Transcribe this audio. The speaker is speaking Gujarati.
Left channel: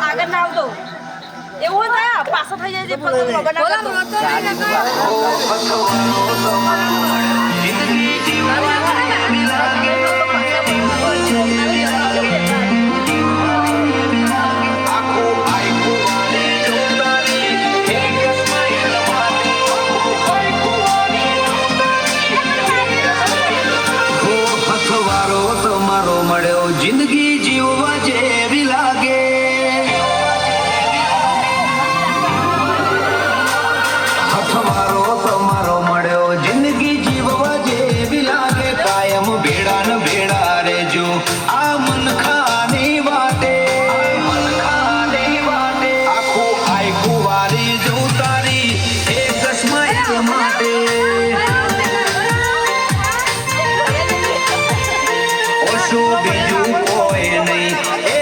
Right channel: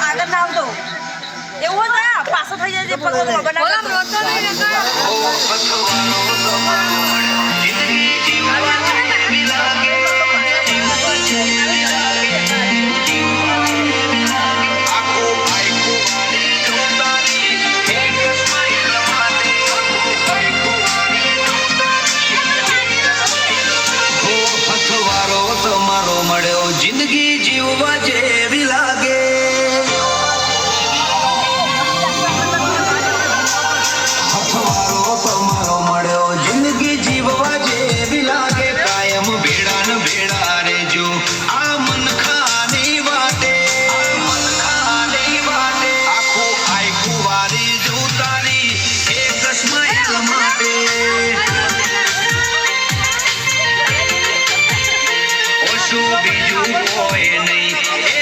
આગળ ના આવતો એવું થાય પાછો થઈ જાય જિંદગી જીવવા જેવી લાગે હથવારો તમારો મળ્યો જિંદગી જીવવા જેવી લાગે કાયમ ભેડા ને ભેડા રેજો આ મનખાની વાટે આખું આખું વારી જો તારી એક સ્માઈલ માટે ઓછું બીજું કોઈ નહીં